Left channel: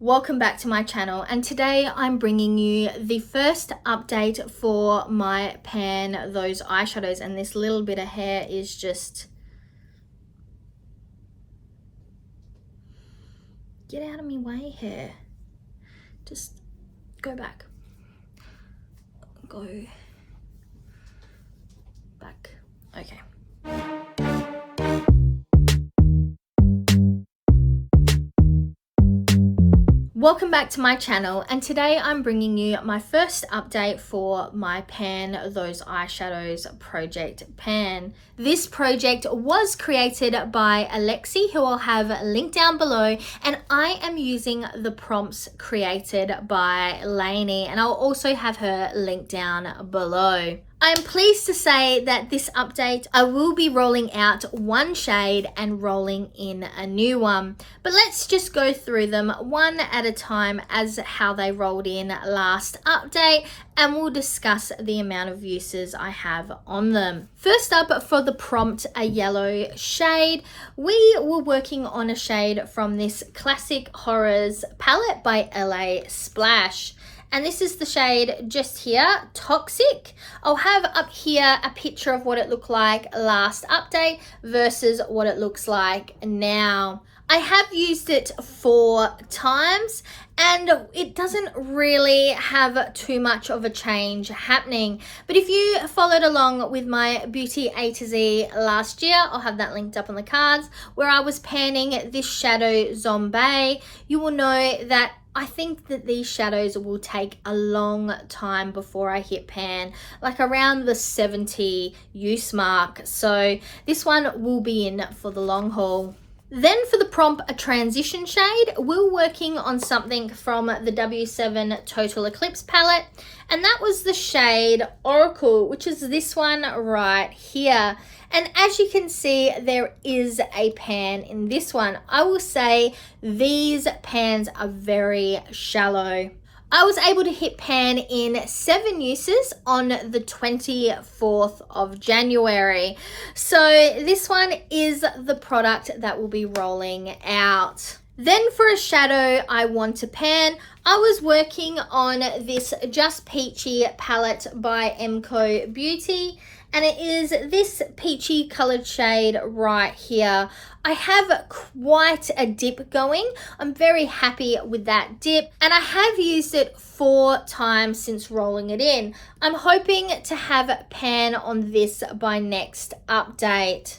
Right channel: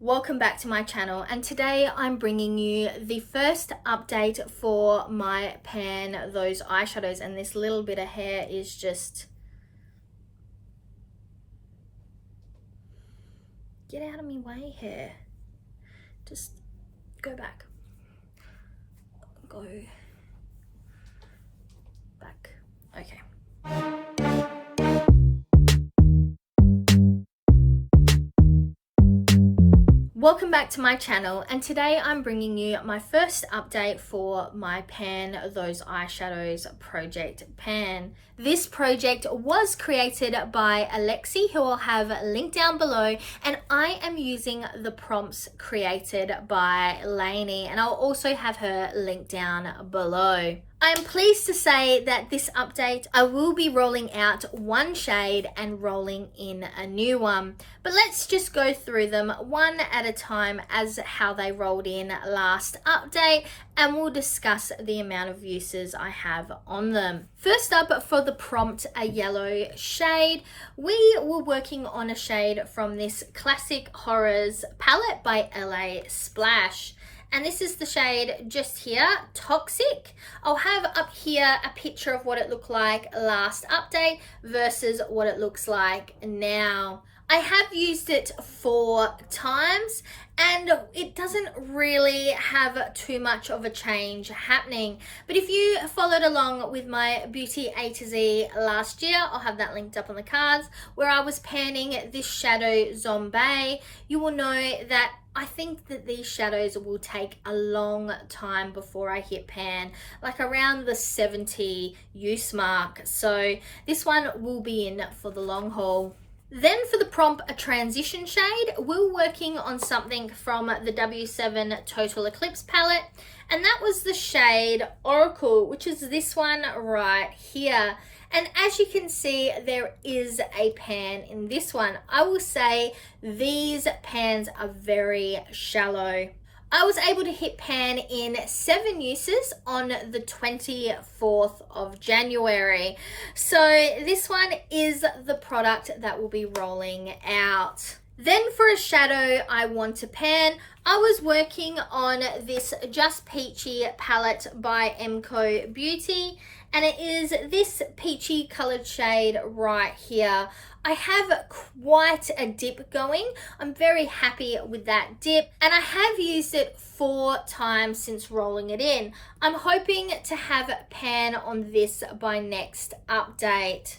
Welcome back to my channel, and today I'm bringing you the first update for my pan those eyeshadows, and this little bit of hair is just... Get out of my way, hair. Just go back. Go back. Okay. Welcome back to my channel, and today I'm bringing you my first update for my Pan Those Eyeshadows project pan. This project was created by Alexi, who I'll have linked down below, and I am using the prompts created by Lainey, and I'll also have her linked down below. I am pleased to say that this update, I will be rolling out one shade and rolling in a new one. But let's just go through them one at a time as how they rolled in last update, and we'll discuss the amount of uses I have on them. First up, for the prompt, a yellow shade, we were working on a shade from this Classic Horrors palette by LA Splash. And this is the shade just here, Toxic. I'll have up here a picture of what it looked like last update versus what it looks like now. I have used it 4 times and it doesn't really have too much of a change happening. But if you followed along with my Beauty A to Z last year, I'll have that linked up on the cards, where I was panning this shadow Zombie, you will know that I think that these shadows will take a long time before I hit pan, like around the 70 use mark. So this one will be in for the long haul. Then for the prompt, a transition shade, we're working on something from the W7 Total Eclipse palette, and that was the shade Oracle, which is this one right here. And as you can see, there is a pan in this one. I will say these pans are very shallow. I was able to hit pan in 7 uses on the 24th of January. So this one is the product that will be rolling out. Then for a shadow I want to pan, I was working on this Just Peachy palette by Emco Beauty, and it is this peachy colored shade right here. I have quite a dip going. I'm very happy with that dip, and I have used it 4 times since rolling it in. I'm hoping to have pan on this by next update.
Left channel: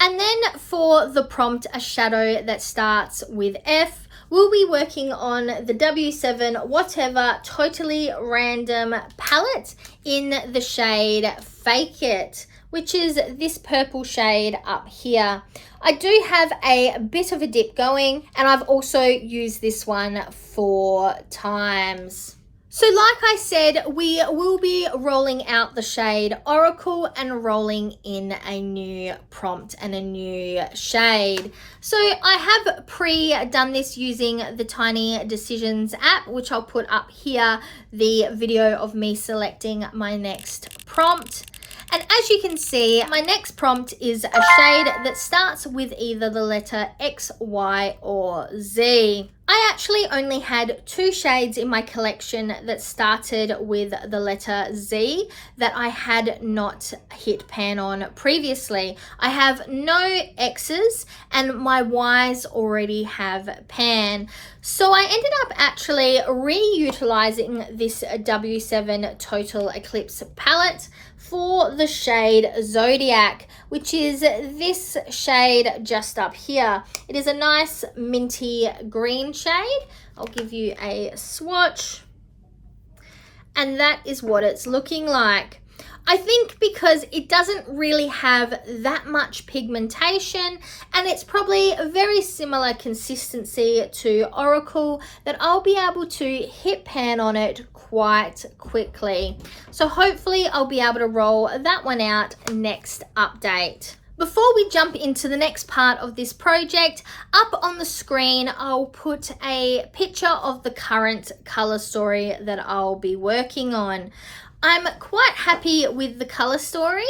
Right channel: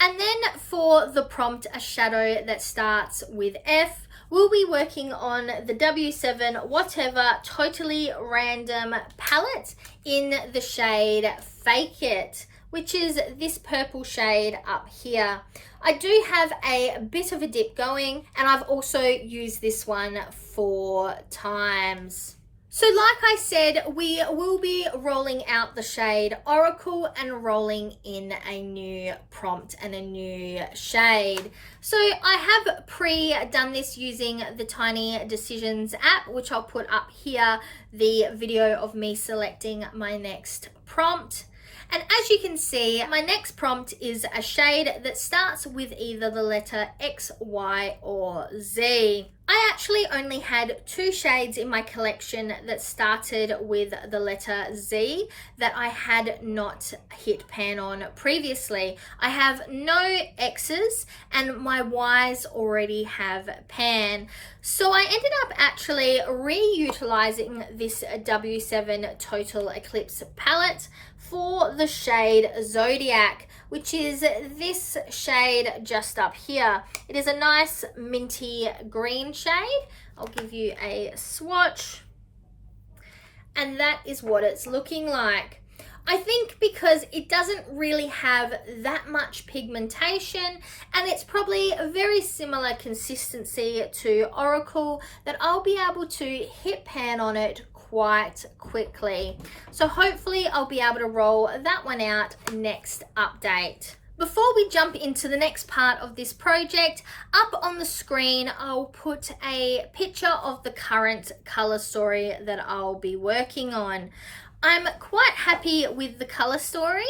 And then for the prompt, a shadow that starts with F, we'll be working on the W7 Whatever Totally Random palette in the shade Fake It, which is this purple shade up here. I do have a bit of a dip going, and I've also used this one 4 times. So like I said, we will be rolling out the shade Oracle and rolling in a new prompt and a new shade. So I have pre-done this using the Tiny Decisions app, which I'll put up here, the video of me selecting my next prompt. And as you can see, my next prompt is a shade that starts with either the letter X, Y, or Z. I actually only had 2 shades in my collection that started with the letter Z that I had not hit pan on previously. I have no X's and my Y's already have pan. So I ended up actually reutilizing this W7 Total Eclipse palette for the shade Zodiac, which is this shade just up here. It is a nice minty green shade. I'll give you a swatch, and that is what it's looking like. I think because it doesn't really have that much pigmentation, and it's probably a very similar consistency to Oracle, that I'll be able to hit pan on it quite quickly. So hopefully I'll be able to roll that one out next update. Before we jump into the next part of this project, up on the screen I'll put a picture of the current color story that I'll be working on. I'm quite happy with the color story,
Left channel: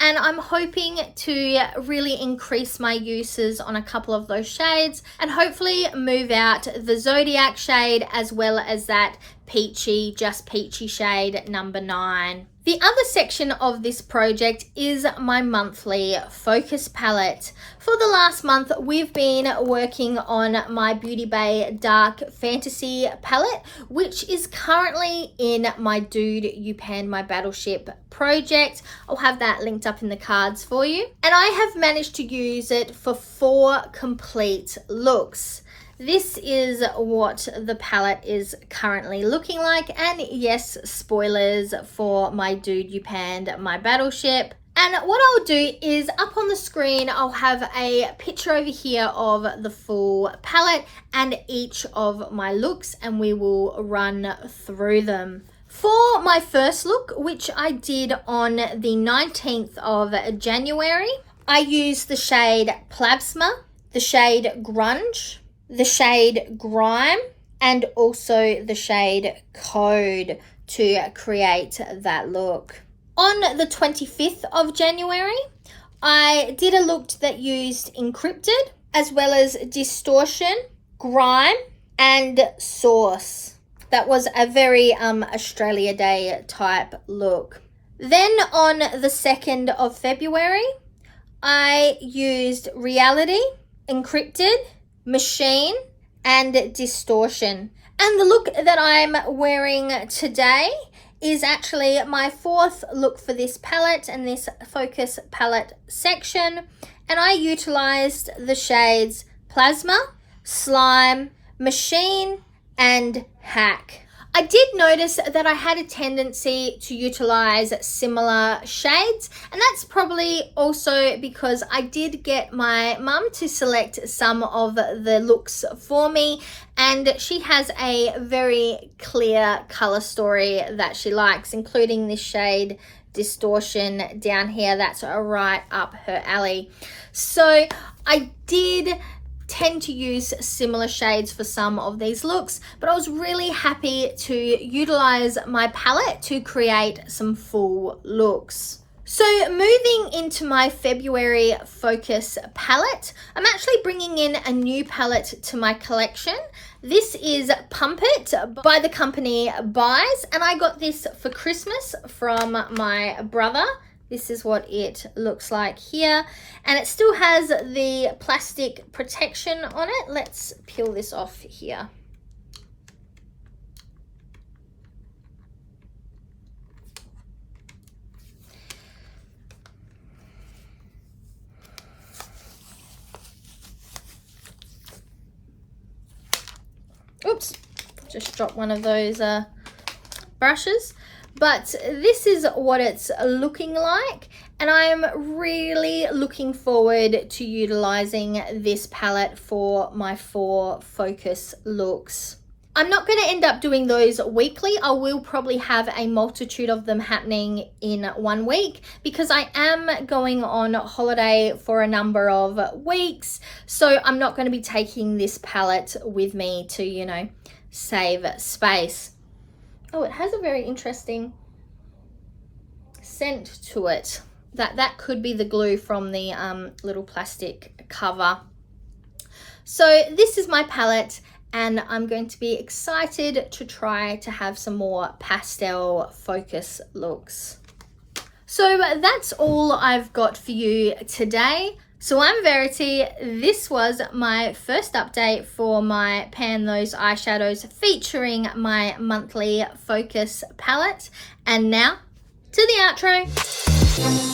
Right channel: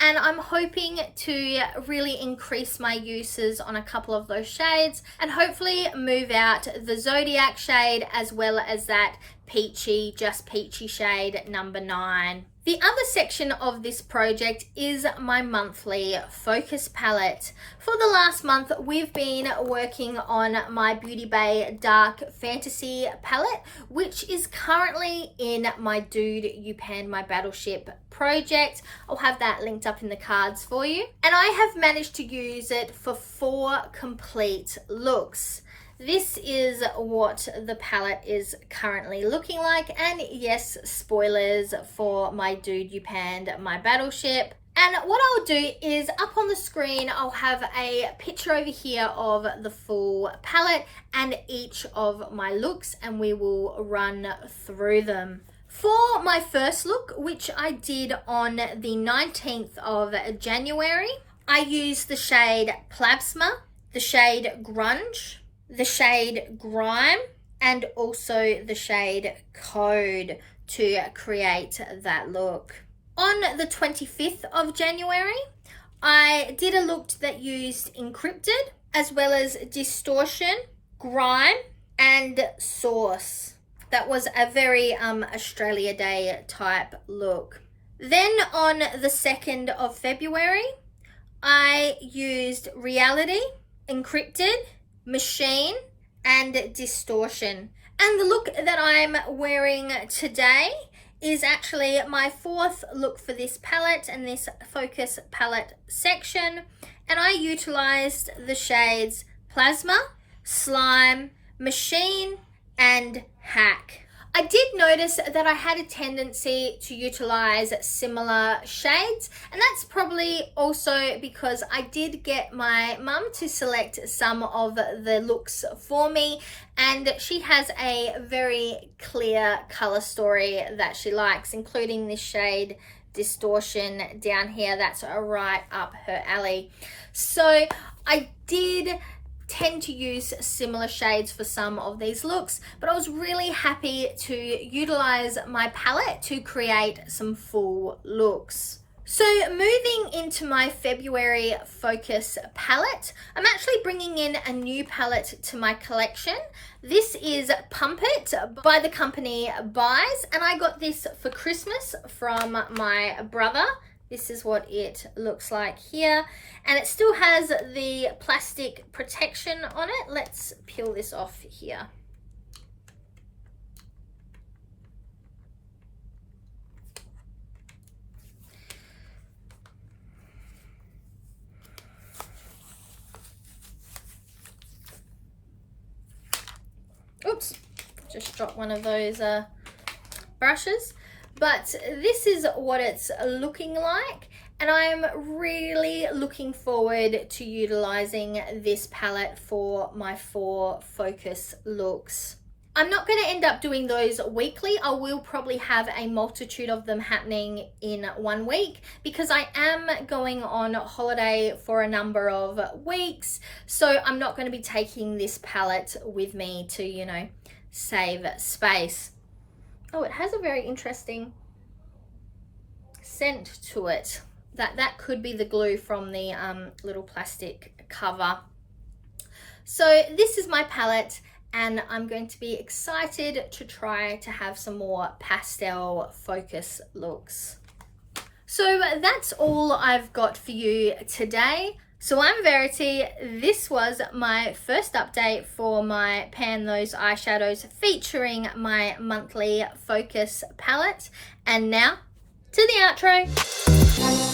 and I'm hoping to really increase my uses on a couple of those shades and hopefully move out the Zodiac shade as well as that peachy, just peachy shade number 9. The other section of this project is my monthly focus palette. For the last month, we've been working on my Beauty Bay Dark Fantasy palette, which is currently in my Dude You Panned My Battleship project. I'll have that linked up in the cards for you. And I have managed to use it for 4 complete looks. This is what the palette is currently looking like, and yes, spoilers for my Dude You Panned My Battleship. And what I'll do is up on the screen, I'll have a picture over here of the full palette and each of my looks, and we will run through them. For my first look, which I did on the 19th of January, I used the shade Plasma, the shade Grunge, the shade Grime, and also the shade Code to create that look. On the 25th of January, I did a look that used Encrypted as well as Distortion, Grime, and Source. That was a very Australia Day type look. Then on the 2nd of February, I used Reality, Encrypted, Machine, and Distortion. And the look that I'm wearing today is actually my 4th look for this palette and this focus palette section. And I utilized the shades Plasma, Slime, Machine, and Hack. I did notice that I had a tendency to utilize similar shades, and that's probably also because I did get my mum to select some of the looks for me, and she has a very clear color story that she likes, including this shade Distortion down here. That's right up her alley. So I did tend to use similar shades for some of these looks, but I was really happy to utilize my palette to create some full looks. So moving into my February focus palette, I'm actually bringing in a new palette to my collection. This is Pump It by the company Buys, and I got this for Christmas from my brother. This is what it looks like here, and it still has the plastic protection on it. Let's peel this off here. Oops, just dropped one of those brushes. But this is what it's looking like, and I'm really looking forward to utilizing this palette for my 4 focus looks. I'm not going to end up doing those weekly. I will probably have a multitude of them happening in 1 week because I am going on holiday for a number of weeks. So I'm not going to be taking this palette with me to, you know, save space. Oh, it has a very interesting scent to it. That could be the glue from the little plastic cover. So this is my palette, and I'm going to be excited to try to have some more pastel focus looks. So that's all I've got for you today. So I'm Verity. This was my first update for my Pan Those Eyeshadows featuring my monthly focus palette. And now to the outro.